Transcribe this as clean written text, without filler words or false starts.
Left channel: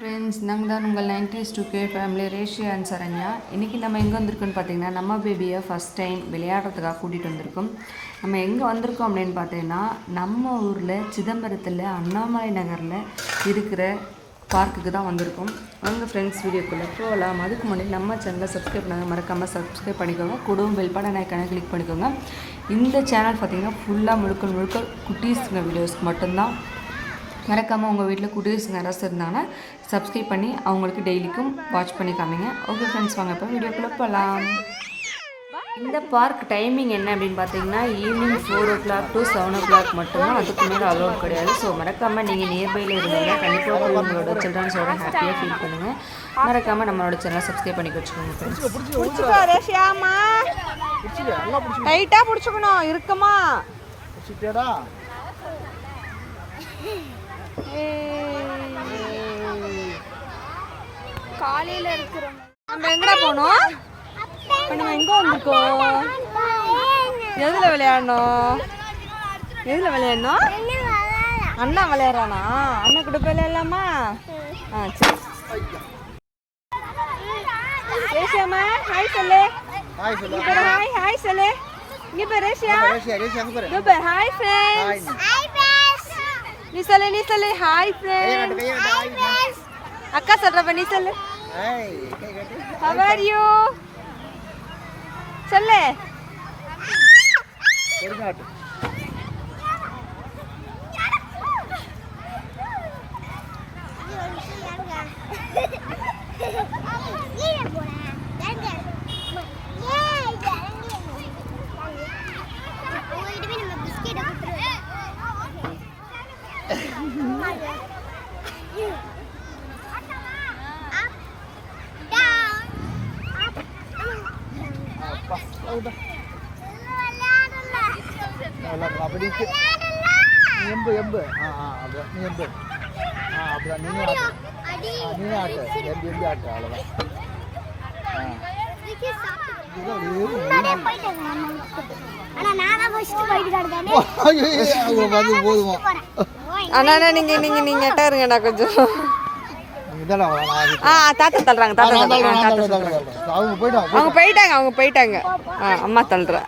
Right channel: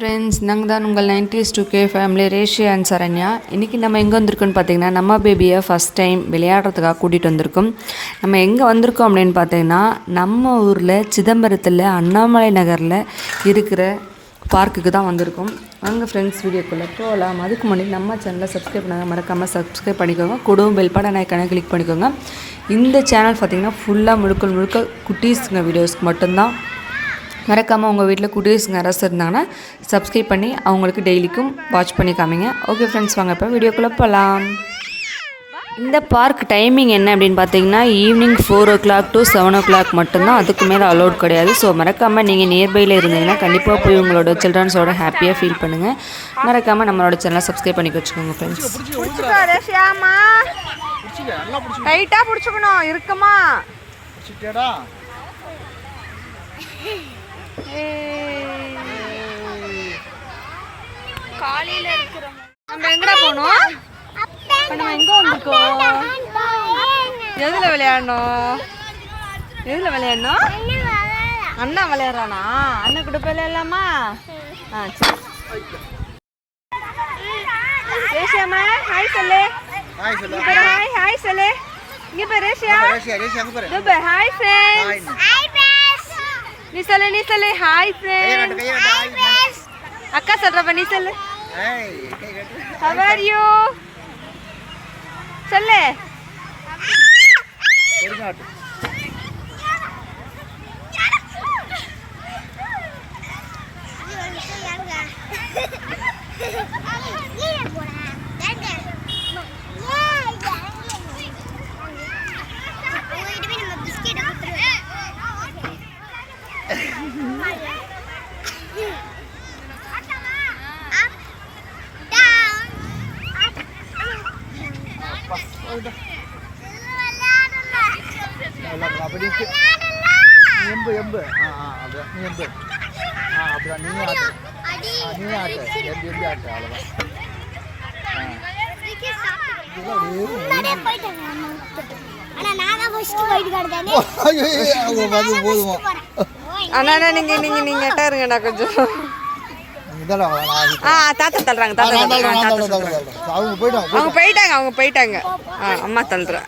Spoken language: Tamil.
ஃப்ரெண்ட்ஸ், நாங்கள் தான் உங்கள் 90s 2K family ரேஷியா and Saranya. இன்றைக்கி நம்ம எங்கே வந்திருக்கோன்னு பார்த்தீங்கன்னா, நம்ம பேபியை ஃபஸ்ட் டைம் விளையாடுறதுக்காக கூட்டிகிட்டு வந்திருக்கோம். நம்ம எங்கே வந்திருக்கோம் அப்படின்னு பார்த்தீங்கன்னா, நம்ம ஊரில் சிதம்பரத்தில் அண்ணாமலை நகரில் இருக்கிற பார்க்குக்கு தான் வந்திருக்கோம். அவங்க ஃப்ரெண்ட்ஸ் வீடியோக்குள்ளே போகலாம். அதுக்கு முன்னாடி நம்ம சேனலை சப்ஸ்கிரைப் பண்ணாங்க, மறக்காமல் சப்ஸ்கிரைப் பண்ணிக்கோங்க. கூடவும் பெல் பட்டன் ஐக்கானை கிளிக் பண்ணிக்கோங்க. இந்த சேனல் பார்த்திங்கன்னா ஃபுல்லாக முழுக்க குட்டீஸுங்க வீடியோஸ்க்கு மட்டும்தான். மறக்காமல் உங்கள் வீட்டில் குட்டீஸுங்க யாராவது இருந்தாங்கன்னா சப்ஸ்கிரைப் பண்ணி அவங்களுக்கு டெய்லிக்கும் வாட்ச் பண்ணி காமிங்க. ஓகே ஃப்ரெண்ட்ஸ், வாங்க இப்போ வீடியோக்குள்ளே போகலாம். இந்த பார்க் டைமிங் என்ன அப்படின்னு பார்த்தீங்கன்னா, ஈவினிங் 4 o'clock to 7 o'clock மட்டும்தான். அதுக்கு மேலே அலோட் கிடையாது. ஸோ மறக்காமல் நீங்கள் நியர்பையில் இருந்தீங்கன்னா கண்டிப்பாக போய் உங்களோட சில்ட்ரன்ஸோட ஹாப்பியாக ஃபீல் பண்ணுங்கள். மறக்காமல் நம்மளோட சேனலை சப்ஸ்கிரைப் பண்ணி வச்சுக்கோங்க ஃப்ரெண்ட்ஸ். டைட்டாக பிடிச்சிக்கணும், இருக்குமா? நம்ம எங்கடா போனோம்? இப்போ நம்ம எங்கே வந்திருக்கோம்? எதில் விளையாடணும்? அண்ணா விளையாடுறானா? அண்ணன் கூட போய் விளையாடலாமா? சரி. ரேஷியாமா ஹாய் சொல்லு. ஹாய் சொல்லு. இங்கே போய் ரேஷியா. Hi friends. நீ சொல்லு ஹாய் ஃப்ரெண்ட்ஸ். அக்கா சொல்றப்ப நீ சொல்லு. How are you? சொல்லு. நீங்க இருங்கண்ணா கொஞ்சம். தாத்தா தள்ளுறாங்க. அவங்க போயிட்டாங்க. அம்மா தள்ளுறா.